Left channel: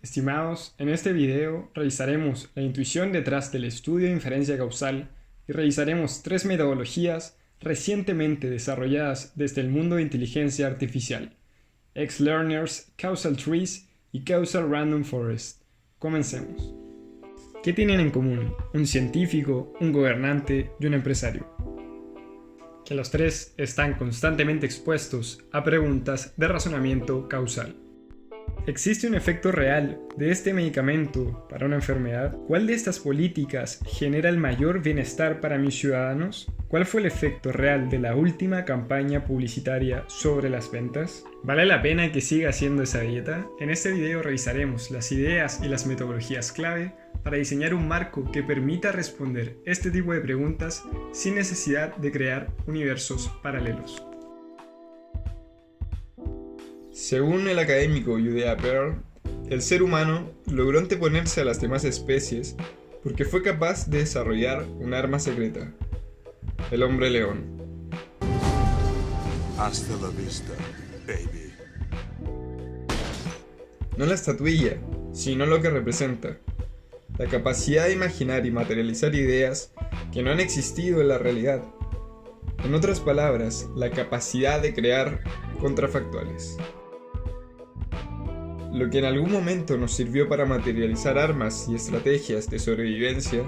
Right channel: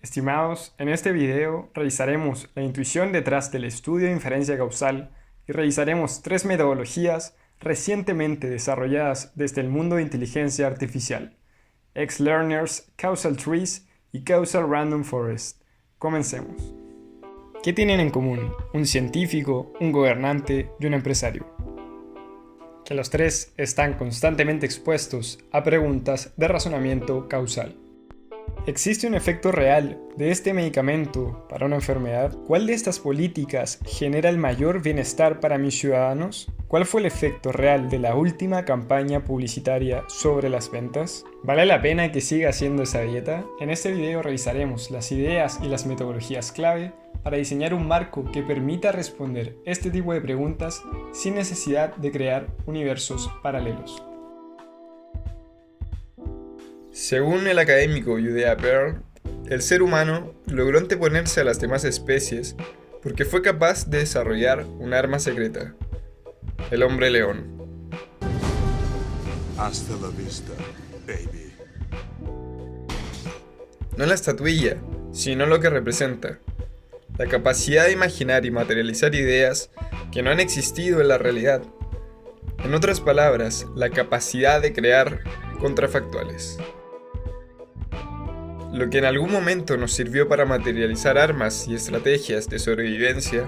Estimados, en este video revisaremos la intuición detrás del estudio de inferencia causal y revisaremos tres metodologías recientemente desarrolladas desde el mundo de inteligencia artificial: X-Learners, Causal Trees y Causal Random Forest. Comencemos. ¿Qué tienen en común un científico, un gobernante y un empresario? Que los tres están constantemente expuestos a preguntas de razonamiento causal. ¿Existe un efecto real de este medicamento para una enfermedad? ¿Cuál de estas políticas genera el mayor bienestar para mis ciudadanos? ¿Cuál fue el efecto real de la última campaña publicitaria sobre las ventas? ¿Vale la pena que siga haciendo esa dieta? En este video revisaremos las ideas y las metodologías clave para diseñar un marco que permita responder este tipo de preguntas sin necesidad de crear universos paralelos. Según el académico Judea Pearl, el ser humano logró anteponerse a las demás especies porque fue capaz de desarrollar un arma secreta: el hombre león. Hasta la vista, baby. No la estatuilla, sino lo que representa: la capacidad de imaginar y materializar ideas que no han existido en la realidad. En otras palabras, la capacidad de crear contrafactuales. Lo que en algún momento nos sirvió para materializar armas y estrategias de sobrevivencia,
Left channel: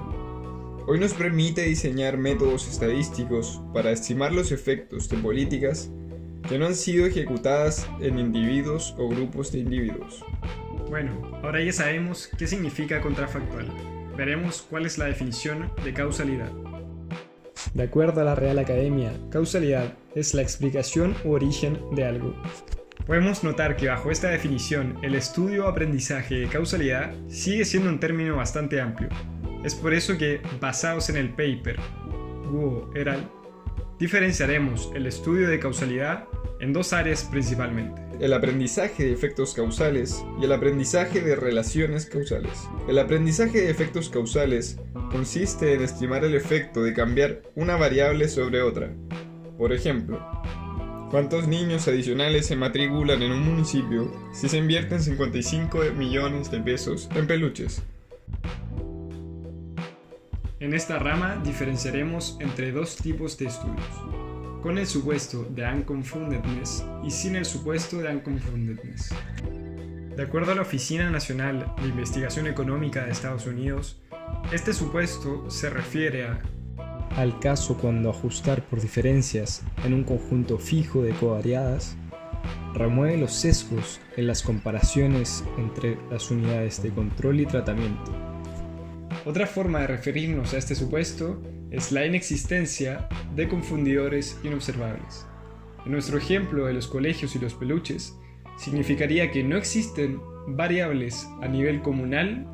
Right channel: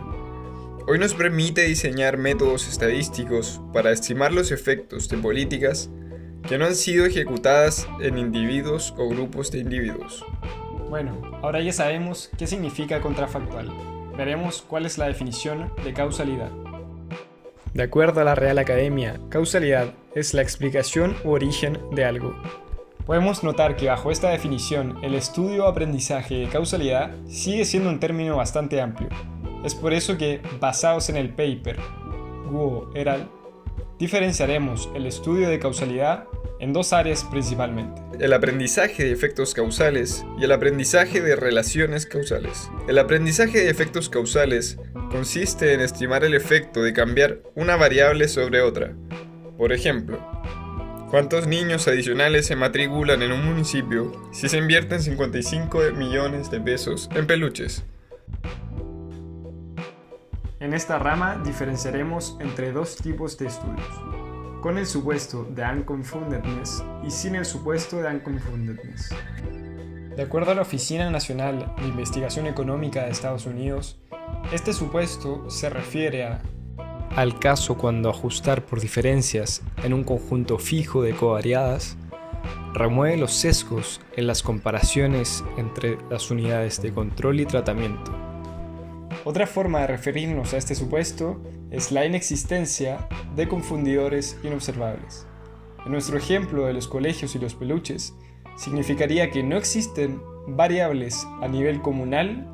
hoy nos permite diseñar métodos estadísticos para estimar los efectos de políticas que no han sido ejecutadas en individuos o grupos de individuos. Bueno, ahora ya sabemos qué significa contrafactual. Veremos cuál es la definición de causalidad. De acuerdo a la Real Academia, causalidad es la explicación u origen de algo. Podemos notar que bajo esta definición, el estudio o aprendizaje de causalidad sigue siendo un término bastante amplio. Es por eso que, basados en el paper Guo et al., diferenciaremos el estudio de causalidad en dos áreas principalmente: el aprendizaje de efectos causales y el aprendizaje de relaciones causales. El aprendizaje de efectos causales consiste en estimar el efecto de cambiar una variable sobre otra. Por ejemplo, ¿cuántos niños adicionales se matriculan en un municipio si se invierten 55 millones de pesos en peluches? En esta rama diferenciaremos entre dos tipos de estudios: con el supuesto de unconfoundedness y sin el supuesto de unconfoundedness. De acuerdo a la Oficina Nacional de Investigación Económica de Estados Unidos, este supuesto se refiere al caso cuando ajustar por diferencias en un conjunto fijo de covariadas remueve los sesgos en las comparaciones entre las unidades de control y tratamiento. Otra forma de referirnos a este supuesto es la inexistencia de confundidores inobservables. En nuestro ejemplo de los colegios y los peluches, significaría que no existen variables a nivel comunal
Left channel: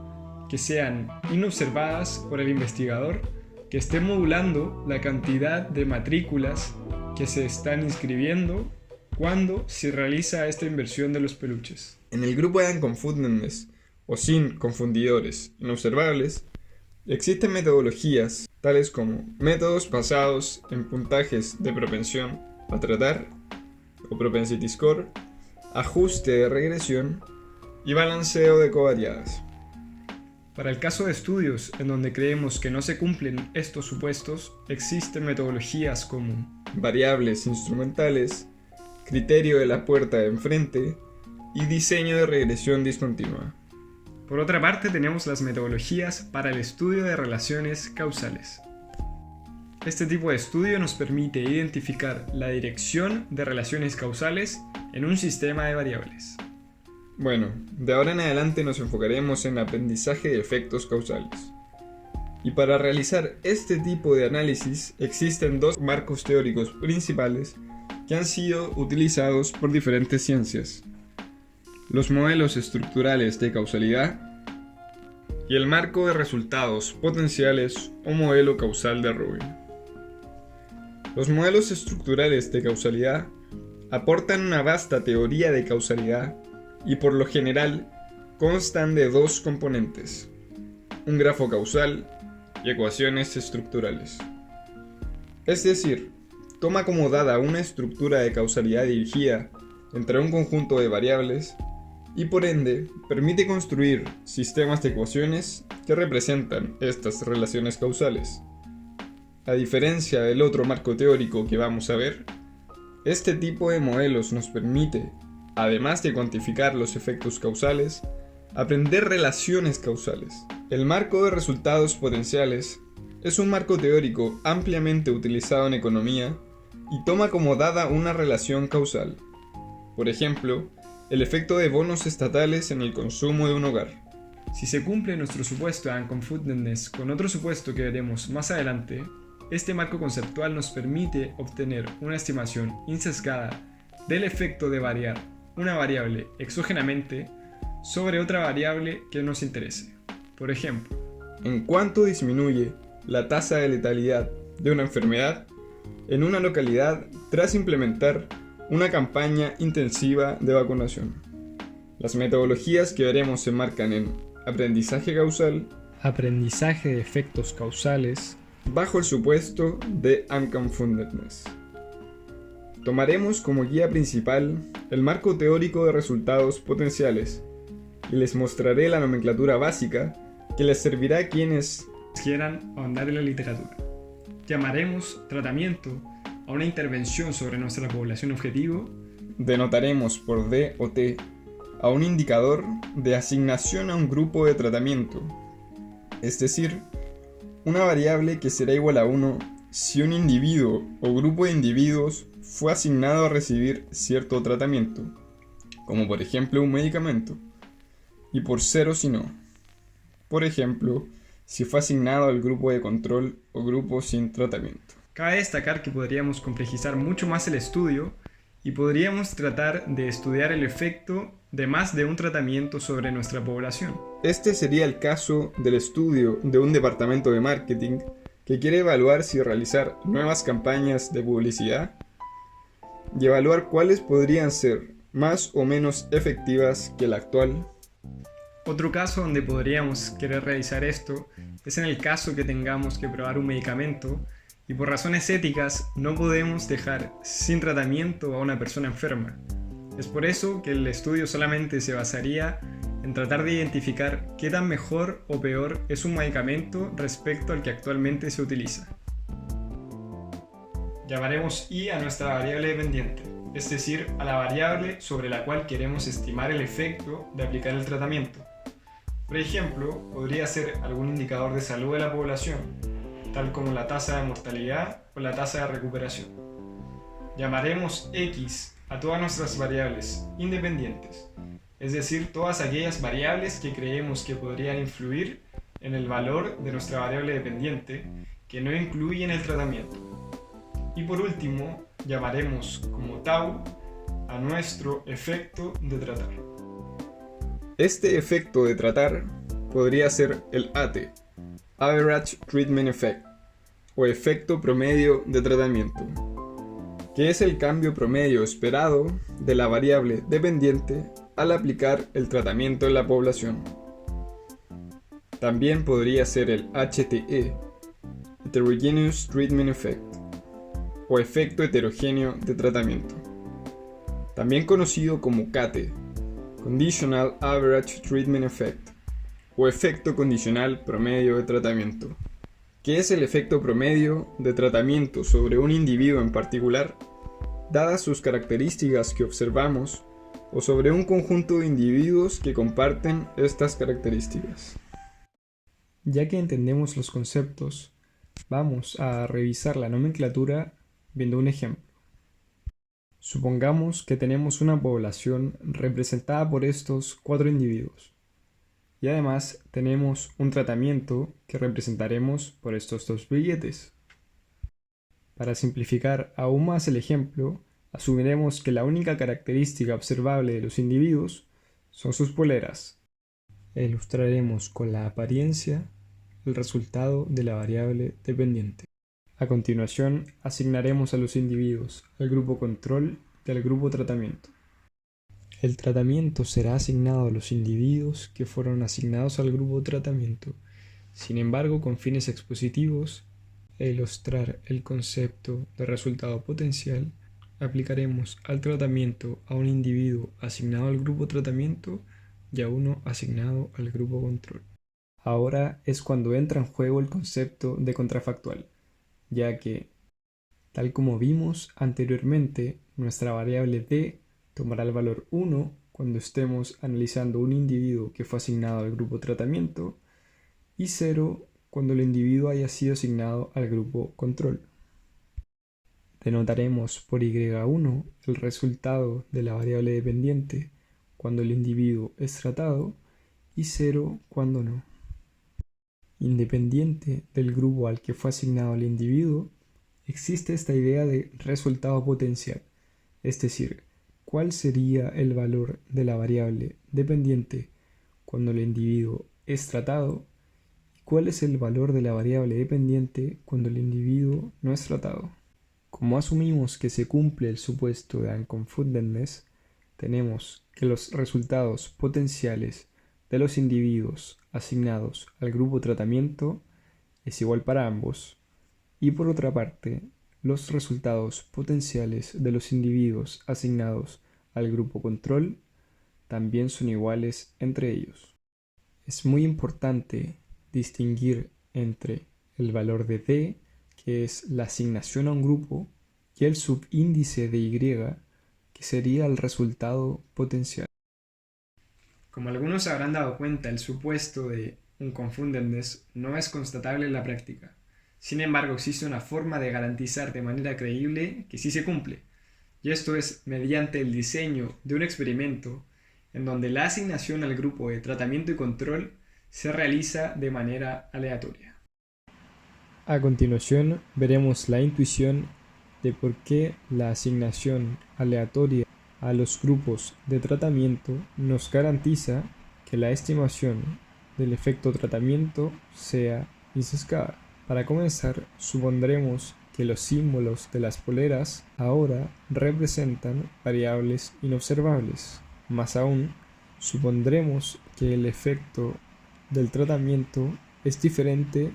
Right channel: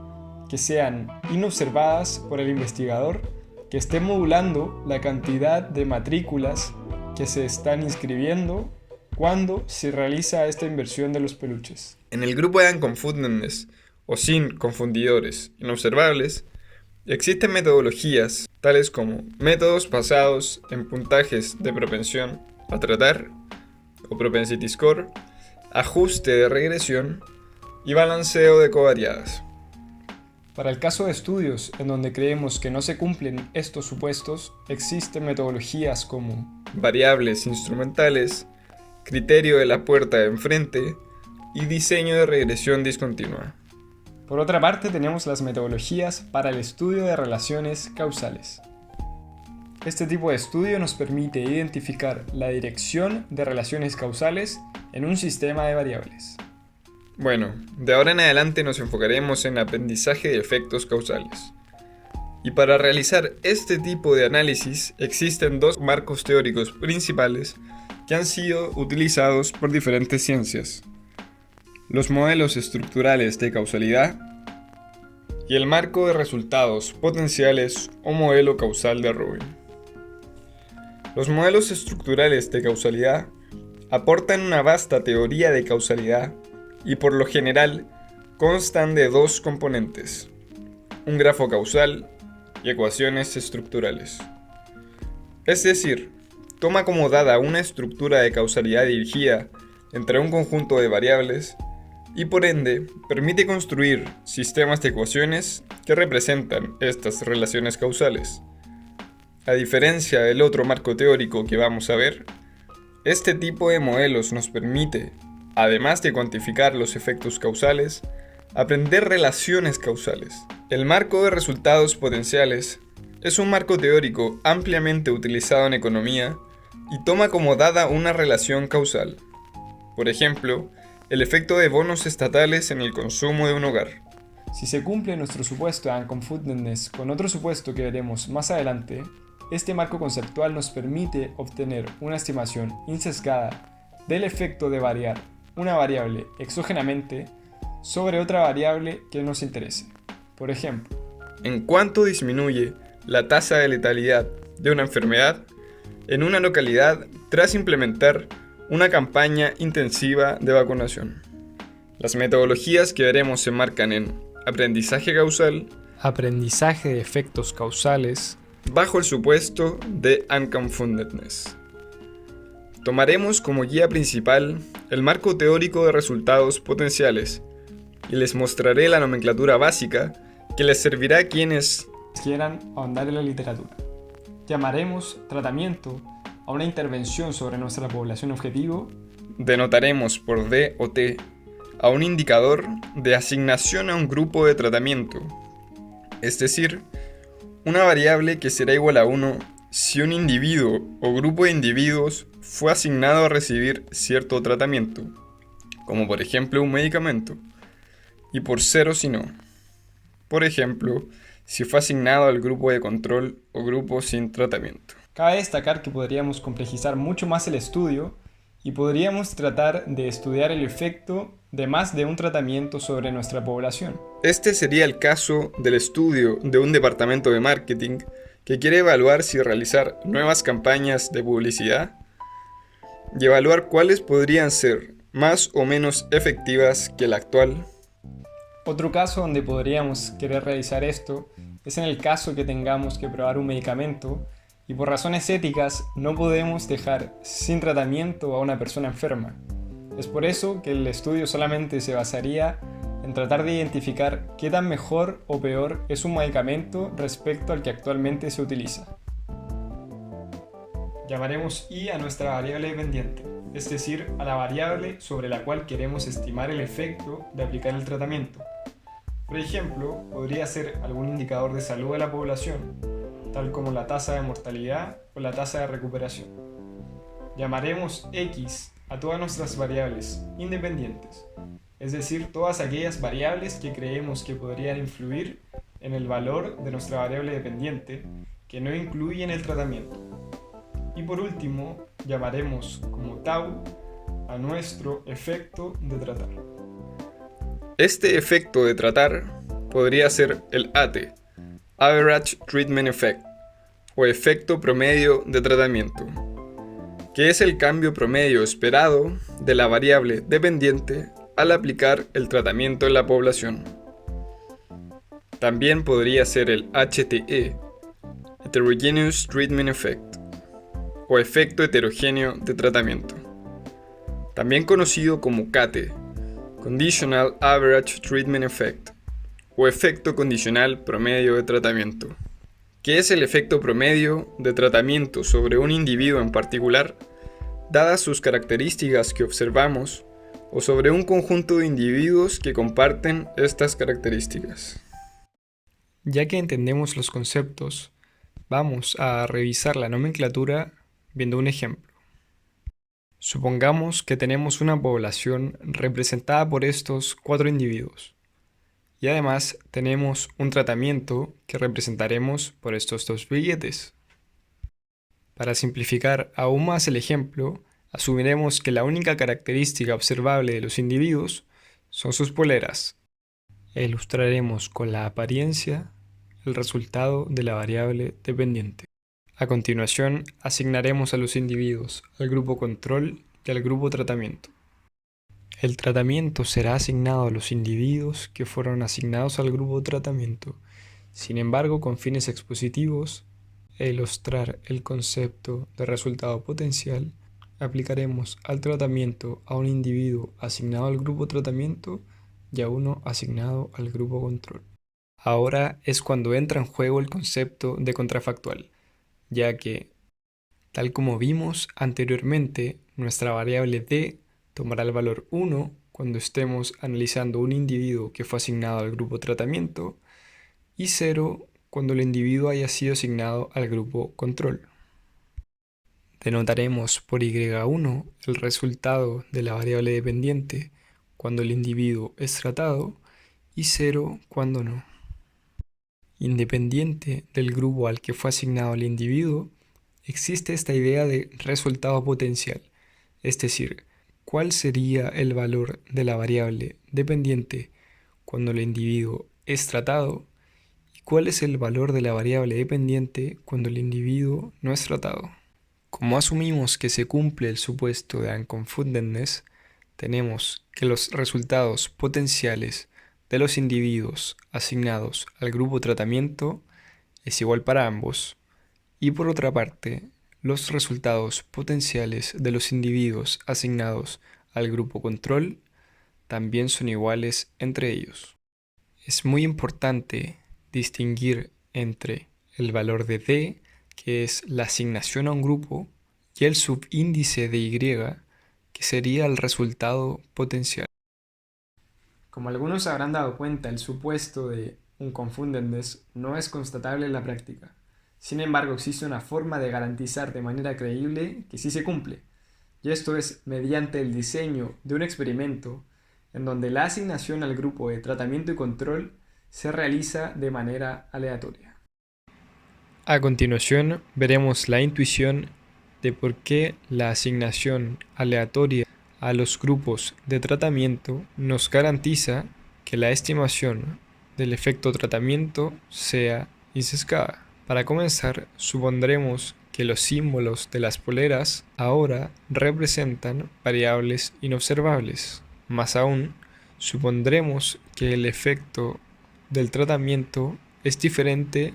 que sean inobservadas por el investigador, que estén modulando la cantidad de matrículas que se están inscribiendo cuando se realiza esta inversión de los peluches. En el grupo de unconfoundedness, o sin confundidores inobservables, existen metodologías tales como métodos basados en puntajes de propensión a tratar o propensity score, ajuste de regresión y balanceo de covariadas. Para el caso de estudios en donde creemos que no se cumplen estos supuestos, existen metodologías como variables instrumentales, criterio de la puerta de enfrente y diseño de regresión discontinua. Por otra parte, tenemos las metodologías para el estudio de relaciones causales. Este tipo de estudio nos permite identificar la dirección de relaciones causales en un sistema de variables. Bueno, de ahora en adelante nos enfocaremos en aprendizaje de efectos causales. Y para realizar este tipo de análisis existen dos marcos teóricos principales que han sido utilizados por diferentes ciencias: los modelos estructurales de causalidad y el marco de resultados potenciales o modelo causal de Rubin. Los modelos estructurales de causalidad aportan una vasta teoría de causalidad y por lo general constan de dos componentes: un grafo causal y ecuaciones estructurales. Es decir, toma como dada una estructura de causalidad dirigida entre un conjunto de variables y por ende permite construir sistemas de ecuaciones que representan estas relaciones causales. A diferencia del otro marco teórico que vamos a ver, este tipo de modelos nos permite, además de cuantificar los efectos causales, aprender relaciones causales. El marco de resultados potenciales es un marco teórico ampliamente utilizado en economía y toma como dada una relación causal. Por ejemplo, el efecto de bonos estatales en el consumo de un hogar. Si se cumple nuestro supuesto de unconfoundedness con otro supuesto que veremos más adelante, este marco conceptual nos permite obtener una estimación insesgada del efecto de variar una variable exógenamente sobre otra variable que nos interese. Por ejemplo, en cuánto disminuye la tasa de letalidad de una enfermedad en una localidad tras implementar una campaña intensiva de vacunación. Las metodologías que veremos se enmarcan en aprendizaje causal, aprendizaje de efectos causales, bajo el supuesto de unconfoundedness. Tomaremos como guía principal el marco teórico de resultados potenciales y les mostraré la nomenclatura básica que les servirá a quienes quieran ahondar en la literatura. Llamaremos tratamiento a una intervención sobre nuestra población objetivo. Denotaremos por D o T a un indicador de asignación a un grupo de tratamiento, es decir, una variable que será igual a 1 si un individuo o grupo de individuos fue asignado a recibir cierto tratamiento, como por ejemplo un medicamento, y por 0 si no. Por ejemplo, si fue asignado al grupo de control o grupo sin tratamiento. Cabe destacar que podríamos complejizar mucho más el estudio y podríamos tratar de estudiar el efecto de más de un tratamiento sobre nuestra población. Este sería el caso del estudio de un departamento de marketing que quiere evaluar si realizar nuevas campañas de publicidad y evaluar cuáles podrían ser más o menos efectivas que la actual. Otro caso donde podríamos querer realizar esto es en el caso que tengamos que probar un medicamento y por razones éticas no podemos dejar sin tratamiento a una persona enferma. Es por eso que el estudio solamente se basaría en tratar de identificar qué tan mejor o peor es un medicamento respecto al que actualmente se utiliza. Llamaremos I a nuestra variable dependiente, es decir, a la variable sobre la cual queremos estimar el efecto de aplicar el tratamiento. Por ejemplo, podría ser algún indicador de salud de la población, tal como la tasa de mortalidad o la tasa de recuperación. Llamaremos X a todas nuestras variables independientes, es decir, todas aquellas variables que creemos que podrían influir en el valor de nuestra variable dependiente que no incluyen el tratamiento. Y por último, llamaremos como tau a nuestro efecto de tratar. Este efecto de tratar podría ser el AT, Average Treatment Effect, o efecto promedio de tratamiento, que es el cambio promedio esperado de la variable dependiente al aplicar el tratamiento en la población. También podría ser el HTE, Heterogeneous Treatment Effect, o efecto heterogéneo de tratamiento, también conocido como CATE, Conditional Average Treatment Effect, o efecto condicional promedio de tratamiento, que es el efecto promedio de tratamiento sobre un individuo en particular, dadas sus características que observamos, o sobre un conjunto de individuos que comparten estas características. Ya que entendemos los conceptos, vamos a revisar la nomenclatura viendo un ejemplo. Supongamos que tenemos una población representada por estos 4 individuos y además tenemos un tratamiento que representaremos por estos 2 billetes. Para simplificar aún más el ejemplo, asumiremos que la única característica observable de los individuos son sus poleras e ilustraremos con la apariencia el resultado de la variable dependiente. A continuación, asignaremos a los individuos al grupo control y al grupo tratamiento. El tratamiento será asignado a los individuos que fueron asignados al grupo tratamiento, sin embargo con fines expositivos e ilustrar el concepto de resultado potencial aplicaremos al tratamiento a un individuo asignado al grupo tratamiento y a uno asignado al grupo control. Ahora es cuando entra en juego el concepto de contrafactual, ya que, tal como vimos anteriormente, nuestra variable d tomará el valor 1 cuando estemos analizando un individuo que fue asignado al grupo tratamiento y 0 cuando el individuo haya sido asignado al grupo control. Denotaremos por y1 el resultado de la variable dependiente cuando el individuo es tratado y 0 cuando no. Independiente del grupo al que fue asignado el individuo, existe esta idea de resultado potencial, es decir, cuál sería el valor de la variable dependiente cuando el individuo es tratado y cuál es el valor de la variable dependiente cuando el individuo no es tratado. Como asumimos que se cumple el supuesto de unconfoundedness, tenemos que los resultados potenciales de los individuos asignados al grupo tratamiento es igual para ambos, y por otra parte, los resultados potenciales de los individuos asignados al grupo control también son iguales entre ellos. Es muy importante distinguir entre el valor de D, que es la asignación a un grupo, y el subíndice de Y, que sería el resultado potencial. Como algunos se habrán dado cuenta, el supuesto de unconfoundedness no es constatable en la práctica. Sin embargo, existe una forma de garantizar de manera creíble que sí se cumple, y esto es mediante el diseño de un experimento en donde la asignación al grupo de tratamiento y control se realiza de manera aleatoria. A continuación, veremos la intuición de por qué la asignación aleatoria a los grupos de tratamiento nos garantiza que la estimación del efecto tratamiento sea insescada. Para comenzar, supondremos que los símbolos de las poleras ahora representan variables inobservables. Más aún, supondremos que el efecto del tratamiento es diferente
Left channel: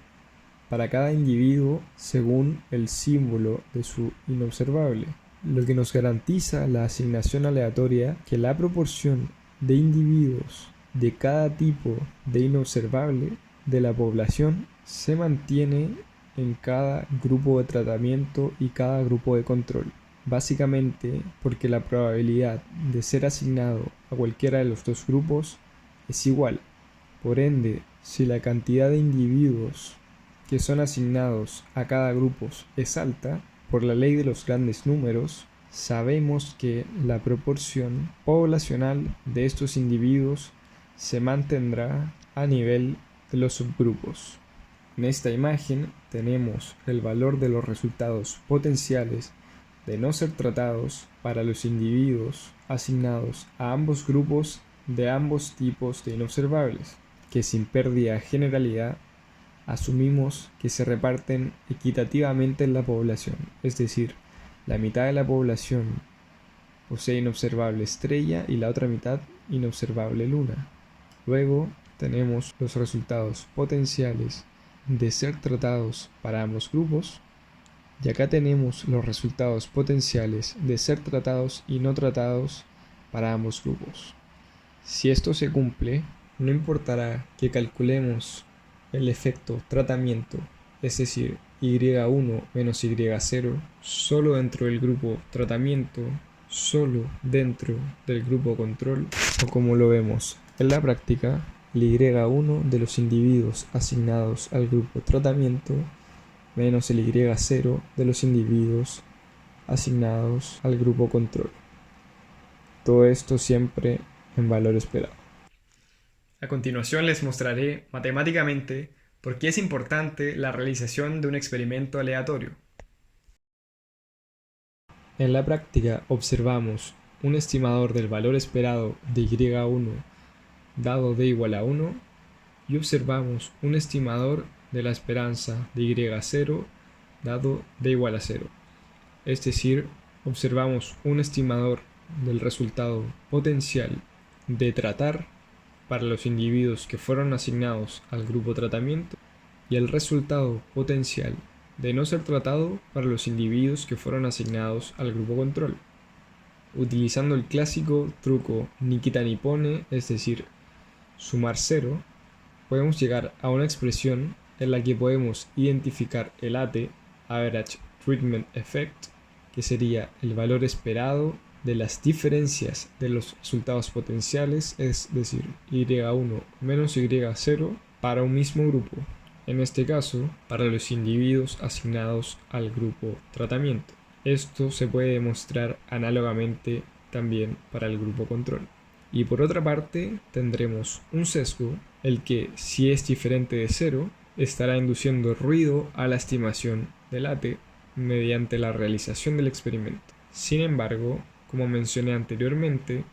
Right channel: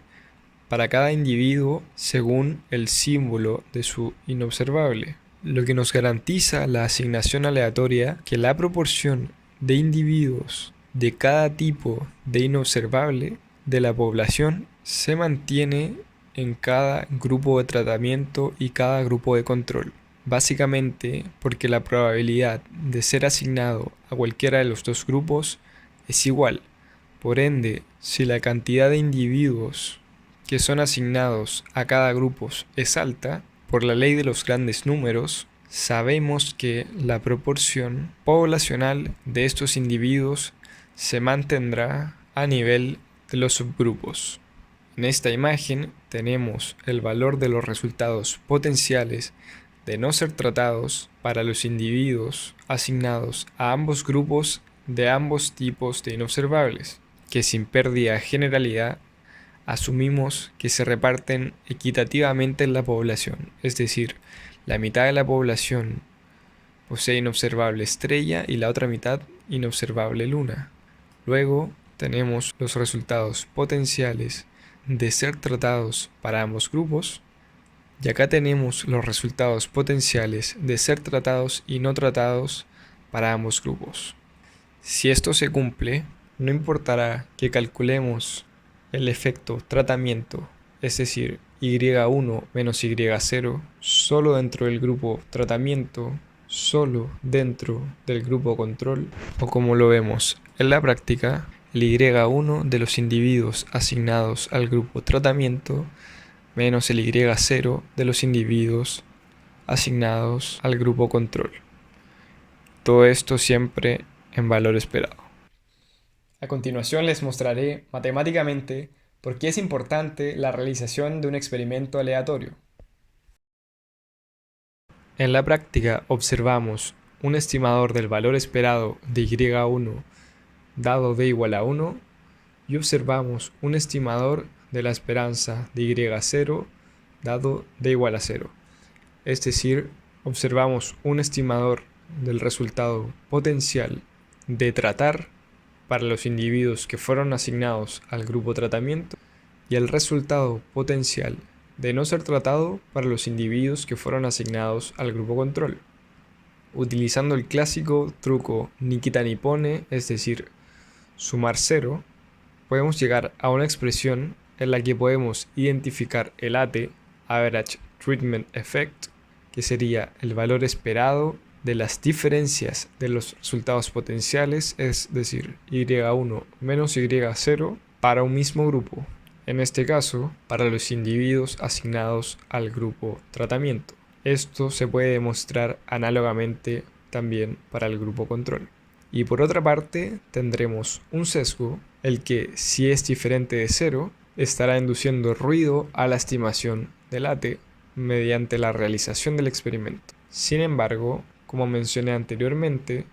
para cada individuo según el símbolo de su inobservable, lo que nos garantiza la asignación aleatoria que la proporción de individuos de cada tipo de inobservable de la población se mantiene en cada grupo de tratamiento y cada grupo de control, básicamente porque la probabilidad de ser asignado a cualquiera de los dos grupos es igual. Por ende, si la cantidad de individuos que son asignados a cada grupo es alta, por la ley de los grandes números, sabemos que la proporción poblacional de estos individuos se mantendrá a nivel de los subgrupos. En esta imagen tenemos el valor de los resultados potenciales de no ser tratados para los individuos asignados a ambos grupos de ambos tipos de inobservables, que sin pérdida de generalidad asumimos que se reparten equitativamente en la población, es decir, la mitad de la población posee inobservable estrella y la otra mitad inobservable luna. Luego tenemos los resultados potenciales de ser tratados para ambos grupos, y acá tenemos los resultados potenciales de ser tratados y no tratados para ambos grupos. Si esto se cumple, no importará que calculemos el efecto tratamiento, es decir, y1 menos y0, solo dentro del grupo tratamiento, solo dentro del grupo control, o como lo vemos en la práctica, el y1 de los individuos asignados al grupo tratamiento menos el y0 de los individuos asignados al grupo control. Todo esto siempre en valor esperado. A continuación les mostraré matemáticamente por qué es importante la realización de un experimento aleatorio. En la práctica observamos un estimador del valor esperado de y1 dado d igual a 1 y observamos un estimador de la esperanza de y0 dado d igual a 0. Es decir, observamos un estimador del resultado potencial de tratar para los individuos que fueron asignados al grupo tratamiento y el resultado potencial de no ser tratado para los individuos que fueron asignados al grupo control. Utilizando el clásico truco ni quita ni pone, es decir, sumar cero, podemos llegar a una expresión en la que podemos identificar el AT, Average Treatment Effect, que sería el valor esperado de las diferencias de los resultados potenciales, es decir, y1 menos y0 para un mismo grupo, en este caso para los individuos asignados al grupo tratamiento. Esto se puede demostrar análogamente también para el grupo control. Y por otra parte tendremos un sesgo, el que si es diferente de 0 estará induciendo ruido a la estimación del AT mediante la realización del experimento. Sin embargo, como mencioné anteriormente,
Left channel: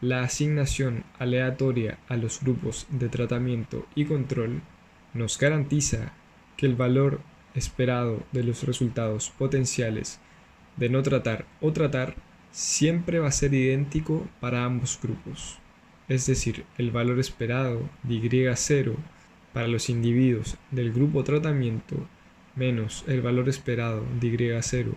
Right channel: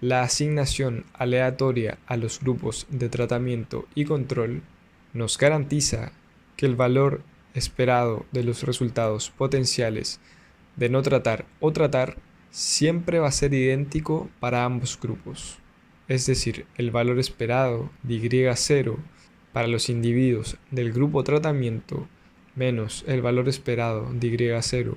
la asignación aleatoria a los grupos de tratamiento y control nos garantiza que el valor esperado de los resultados potenciales de no tratar o tratar siempre va a ser idéntico para ambos grupos. Es decir, el valor esperado de y0 para los individuos del grupo tratamiento menos el valor esperado de y0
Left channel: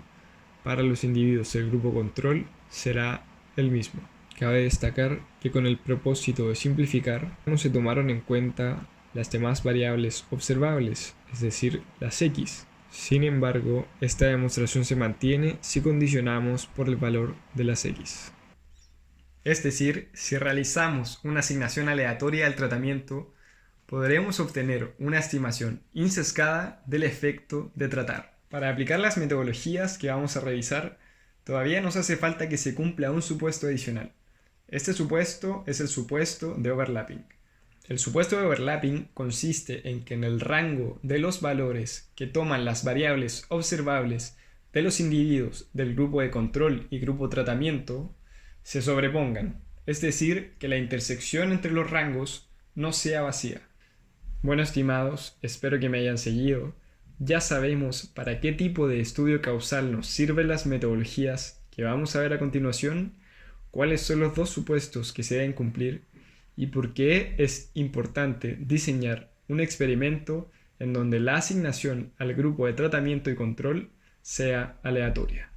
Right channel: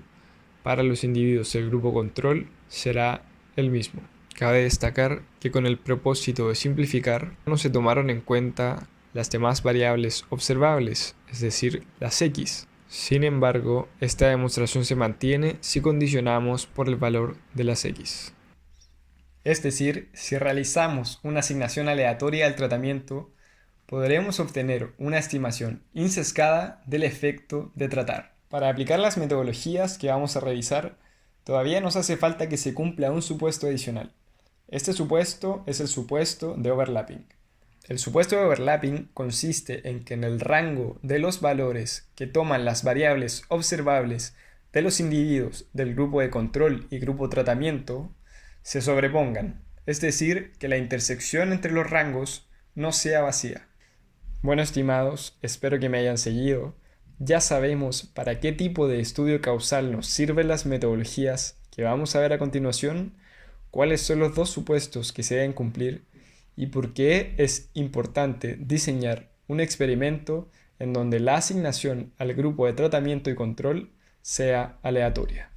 para los individuos del grupo control será el mismo. Cabe destacar que con el propósito de simplificar no se tomaron en cuenta las demás variables observables, es decir, las X. Sin embargo, esta demostración se mantiene si condicionamos por el valor de las X. Es decir, si realizamos una asignación aleatoria al tratamiento, podremos obtener una estimación insesgada del efecto de tratar. Para aplicar las metodologías que vamos a revisar, todavía nos hace falta que se cumpla un supuesto adicional. Este supuesto es el supuesto de overlapping. El supuesto de overlapping consiste en que en el rango de los valores que toman las variables observables de los individuos del grupo de control y grupo tratamiento se sobrepongan, es decir, que la intersección entre los rangos no sea vacía. Bueno, estimados, espero que me hayan seguido. Ya sabemos para qué tipo de estudio causal nos sirven las metodologías que vamos a ver a continuación, cuáles son los dos supuestos que se deben cumplir y por qué es importante diseñar un experimento en donde la asignación al grupo de tratamiento y control sea aleatoria.